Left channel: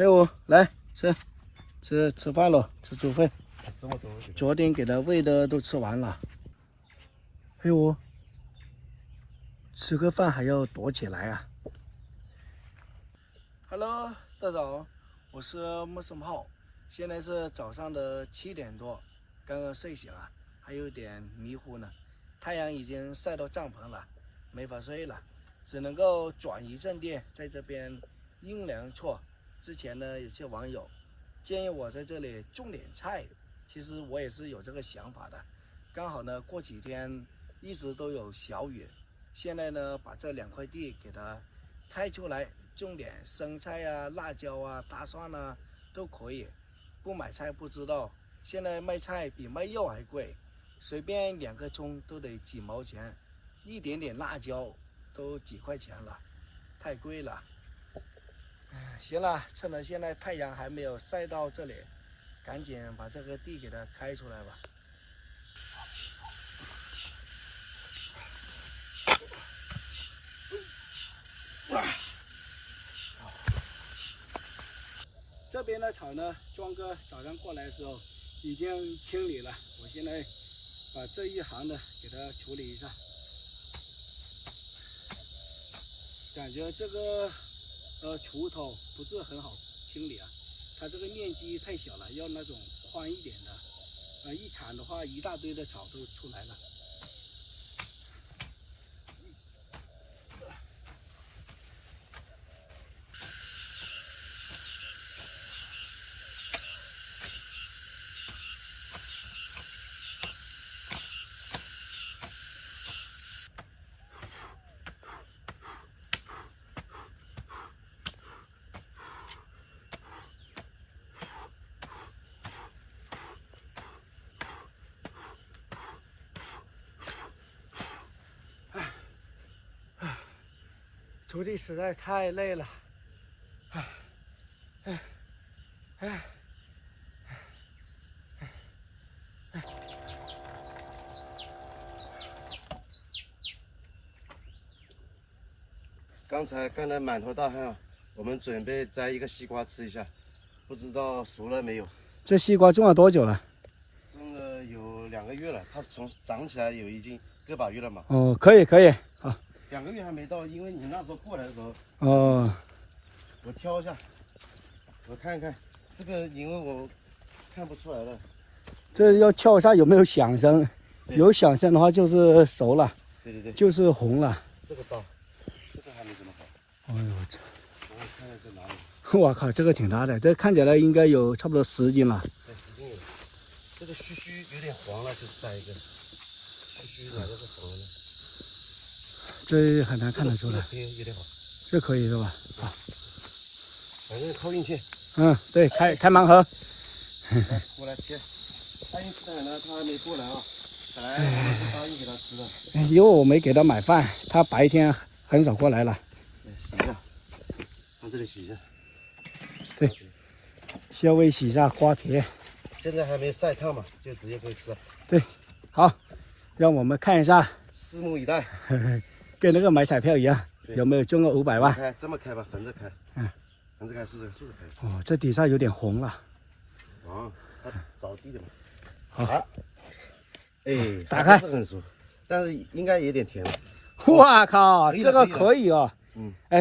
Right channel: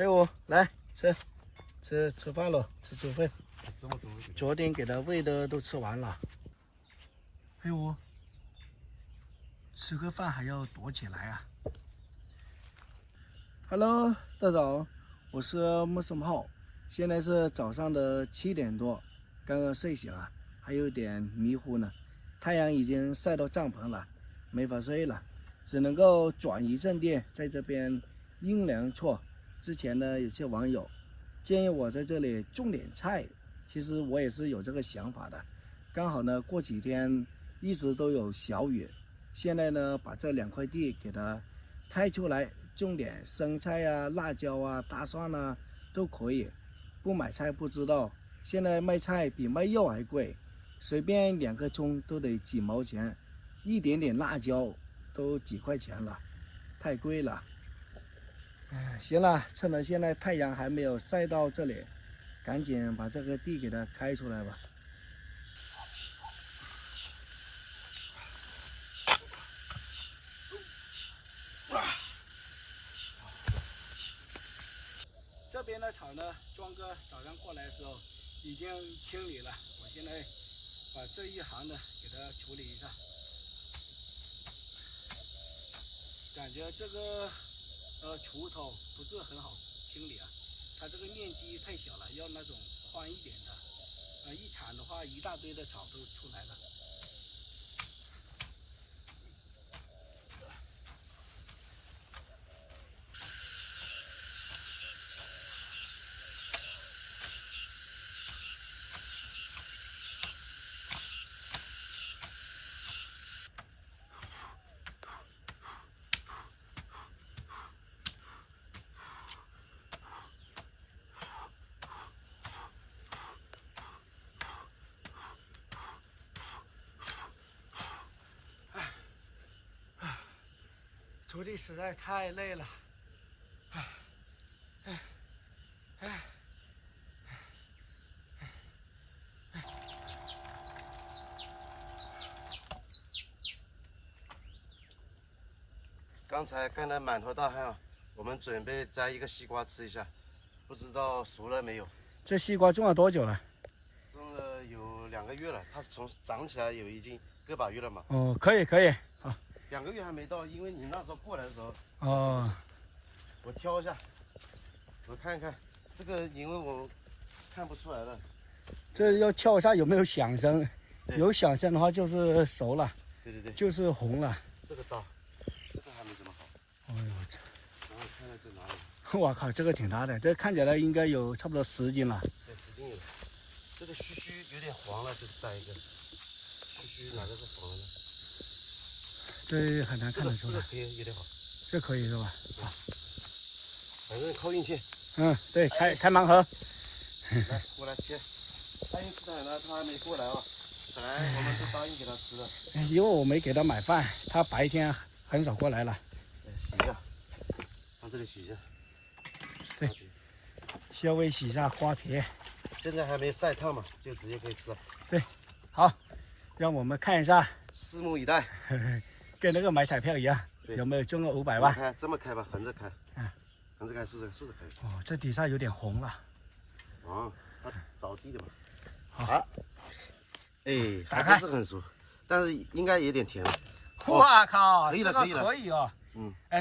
陪我来吃饭了，吃猪肺。这么多，昨天给它喂的都吃完了。陪我吃个饭还要躲起来啊。Hello， 大家早，我是木森浩，现在是早上的7点多，刚刚睡醒啊，还有点迷糊呢。太阳已经晒到帐篷了，没法睡了，只能够转移阵地，在这边阴凉处。之前呢，有些网友建议我在这里种点菜，其实我也是有这个想法的。刚好呢，过几天一直都有小雨，现在呢，把这2块地给它开出来，种点生菜啊、辣椒啊、大蒜啊都可以。不买菜不知道，现在卖菜比卖肉还贵，随便2颗葱都得几毛钱，一点点辣椒都几块钱了，太贵了。行了，趁着现在太阳还没有晒到这里，赶紧把这个地给它开出来吧。这边的草呢，庄哥早上过来的时候已经清理了，我现在把这一行的给它处理一下。感觉这个锄头不是很好清理啊，它这个面积太小了，要那种宽一点的，一铲的话一大堆的草都出来了。锄地实在太累了，刚才干得满头大汗啊，我们准备摘一个西瓜吃一下，不知道熟了没有。这西瓜种了多久了？种了有2个月了，它从长起来已经个把月了嘛。哦，可以啊。2个月还没到，因为你那时候过来的时候，哦，我挑一下，我看看这个，因为我看不出来了。这要敲一下有没有响声，有响声的话就是熟了，对，就是红了。这个刀，这个还没怎么好。哎呦我操！我看看在哪里。我靠，这个挺大的，这看起来应该有差不多10斤了。对，10斤有。这个须有点黄了，就摘一个。须哪个是黄的？这很难看得出来。这个有点好。这可以是吧？反正靠运气。对，开盲盒。来，过来切。爱因斯坦呢，他还没过来啊。本来我们是答应给他吃的。因为我没给他买饭，他白天很少过来了。洗一下，往这里洗一下。对，稍微洗一下瓜皮。现在还没晒烫嘛，就直接可以吃了。对，好，让我们看一下，拭目以待。跟那个买彩票一样，有没有中个500万？开这么开吧，横着开。横着开，竖着开。哦，这底下有点红了。哦，它着地的嘛。好，哎，打开。还不是很熟，但是应该有点甜了。哇靠，这个可以哦。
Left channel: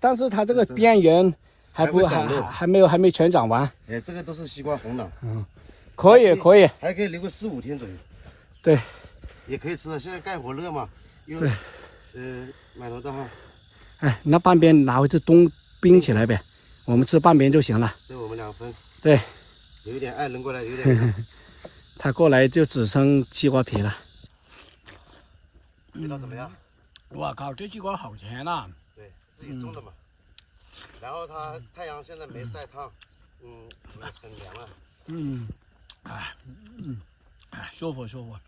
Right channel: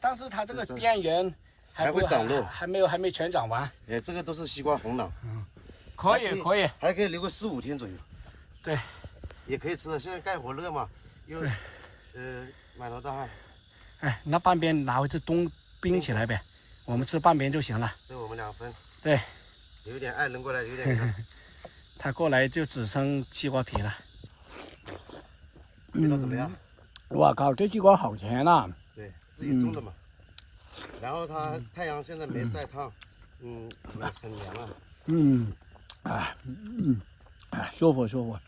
但是它这个边缘还没全长完。哎，这个都是西瓜红囊。可以，还可以留个4、5天左右。对，也可以吃了。现在干活热嘛，因为满头大汗。那半边拿回去冰起来呗，我们吃半边就行了。这我们2分。对，有点爱扔过来，有点。他过来就只剩西瓜皮了。味道怎么样？我靠，这西瓜好甜呐！对，自己种的嘛。然后它太阳现在没晒烫，很凉啊。舒服。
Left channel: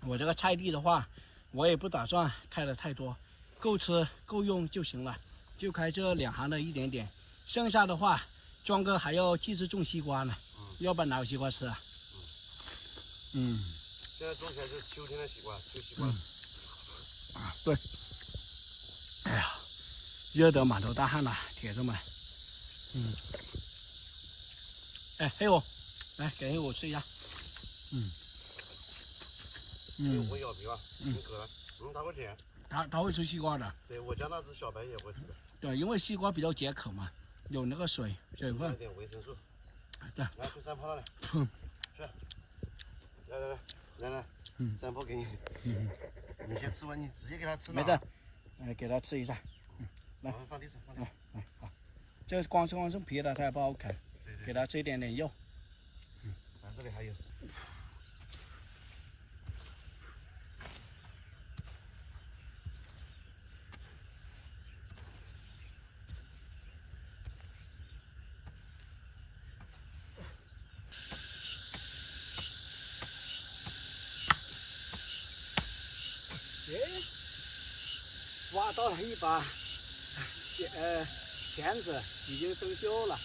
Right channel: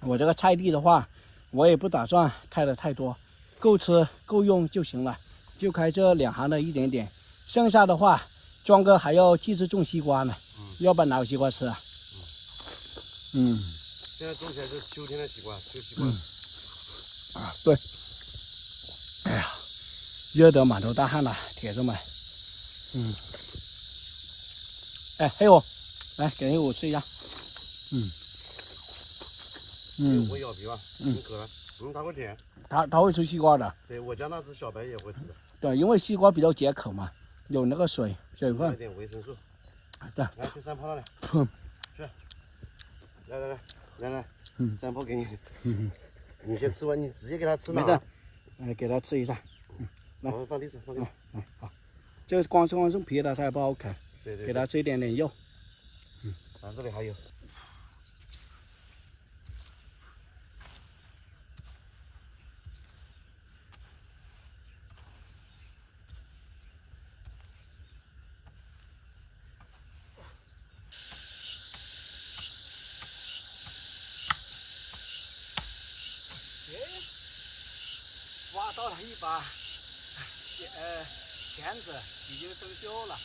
我这个菜地的话，我也不打算开的太多，够吃够用就行了，就开这2行的一点点，剩下的话，庄哥还要继续种西瓜呢，要不然哪有西瓜吃啊？现在种起来就是秋天的西瓜，秋西瓜。对。哎呀，热得满头大汗了，铁子们。哎，黑虎，来给黑虎吃一下。我咬皮吧，挺可爱。它会舔。它会吃西瓜的。对，我家那只小白也会吃的。对，因为西瓜比较解渴嘛，有那个水分。有点维生素。对。来，去山坡那里。去。来，山坡给你。你先吃完，你直接给它吃哪？来，给它吃一下。来，放地上。来，好。这光是皮的，它也不好啃。对。给它吃一点肉。这里还有。挖到了一把钳子，已经生锈了。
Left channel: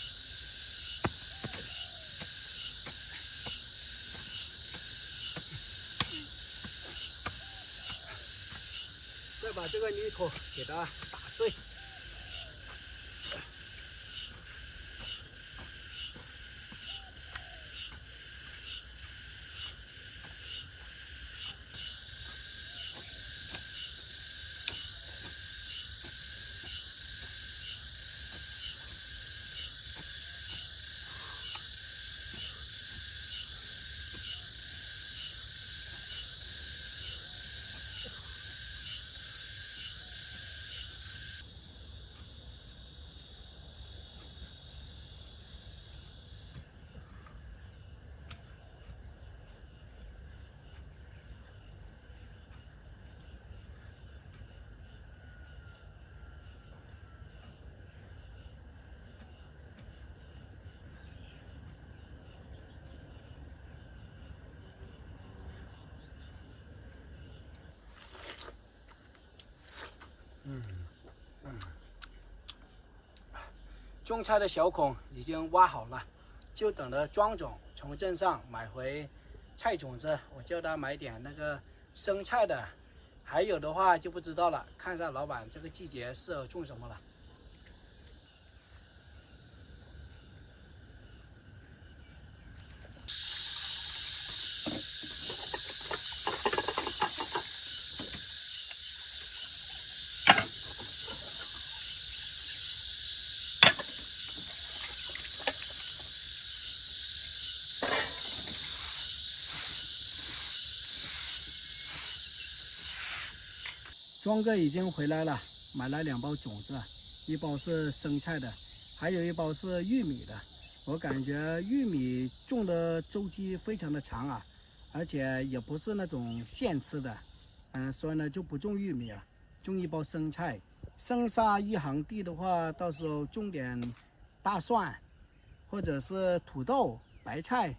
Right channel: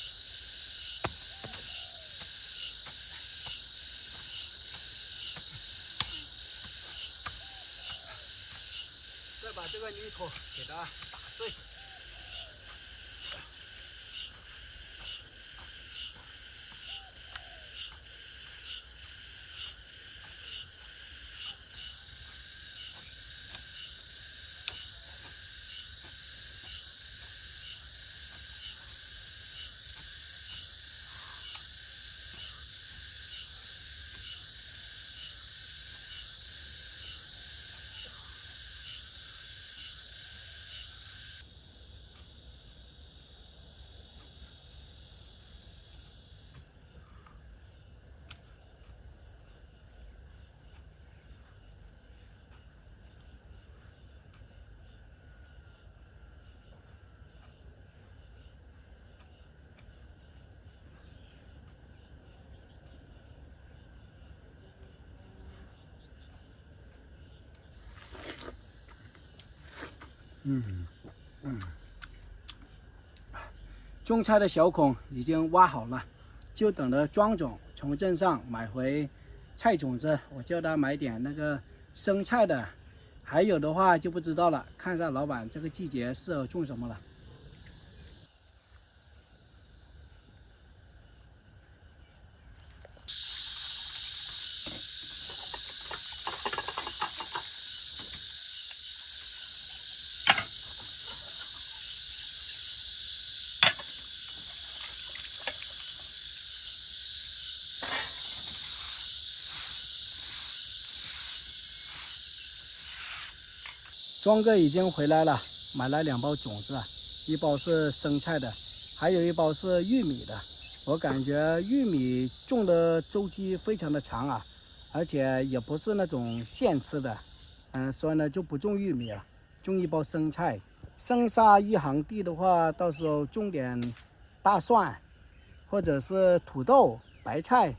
再把这个泥土给它打碎。种菜的小孔已经挖好了，就等着庄总从镇上买回菜种子。我叫他买点那个生菜的，还有的话就不知道了，看看老板这个季节适合种什么了。庄哥已经回来了，买了2包种子，一包是生菜的，还有一包是玉米的。我感觉玉米种的周期非常的长啊，而且也不是那种现吃的，所以呢就不种玉米了，种一包生菜。生杀一行地的话，到时候种点大蒜，或者是土豆、白菜，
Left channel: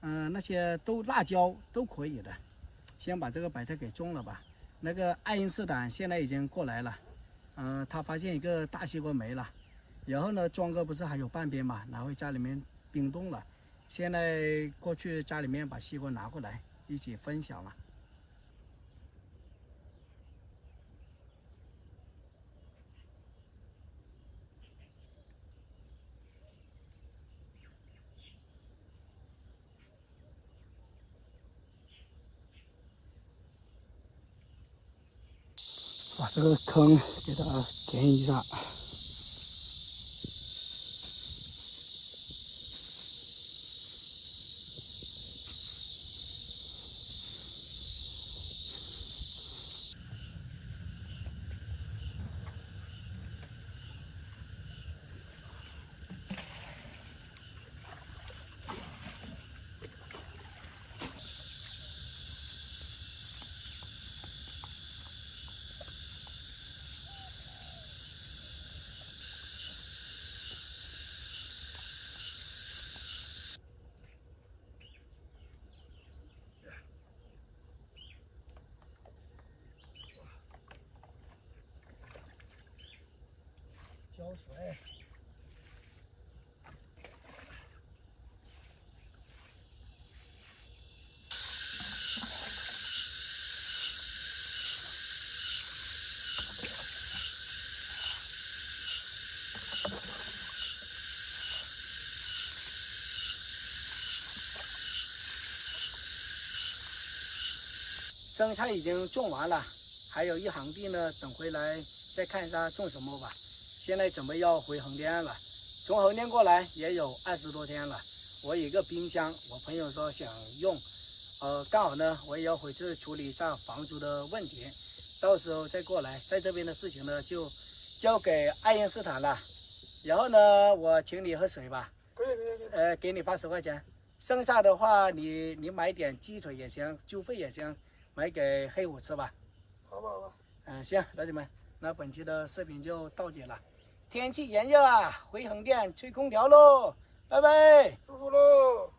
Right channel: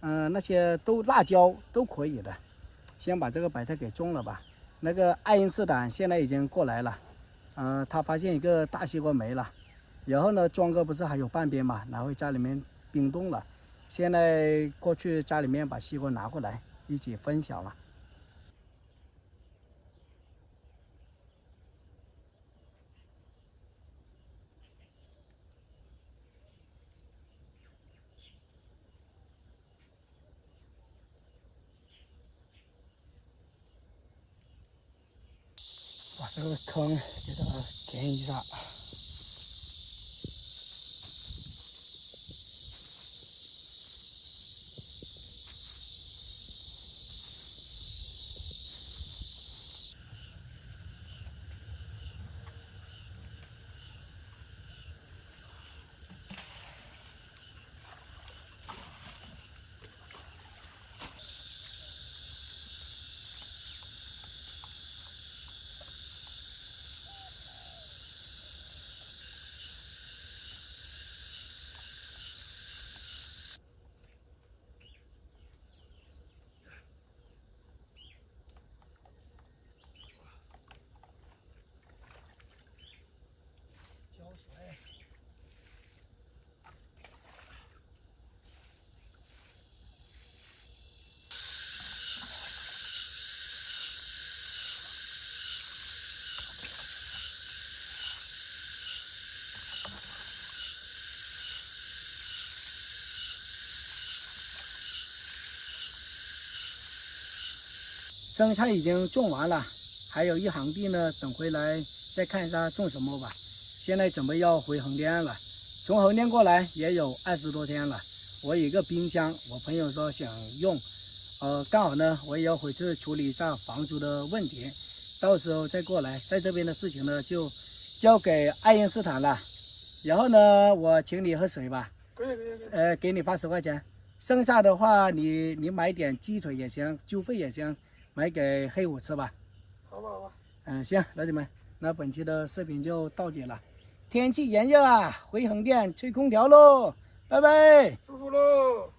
那些辣椒都可以的。先把这个白菜给种了吧。那个爱因斯坦现在已经过来了，他发现一个大西瓜没了，然后呢，庄哥不是还有半边嘛，拿回家里面冰冻了，现在过去家里面把西瓜拿过来一起分享了。把这个坑给它填一下。浇水。生菜已经种完了，还有一行地呢，等回来再看一下种什么吧。现在准备要回横店了，从横店过来也有20多天了。我有一个冰箱，我朋友说想用，刚好呢我也要回去处理一下房租的问题，到时候再过来。在这边的事情呢就交给爱因斯坦了。然后呢，我请你喝水吧，给你发10块钱。剩下的话你买点鸡腿也行，猪肺也行，买给黑虎吃吧。好吧，好吧。行，老铁们，那本期的视频就到这了。天气炎热啊，回横店吹空调喽，拜拜，舒服喽。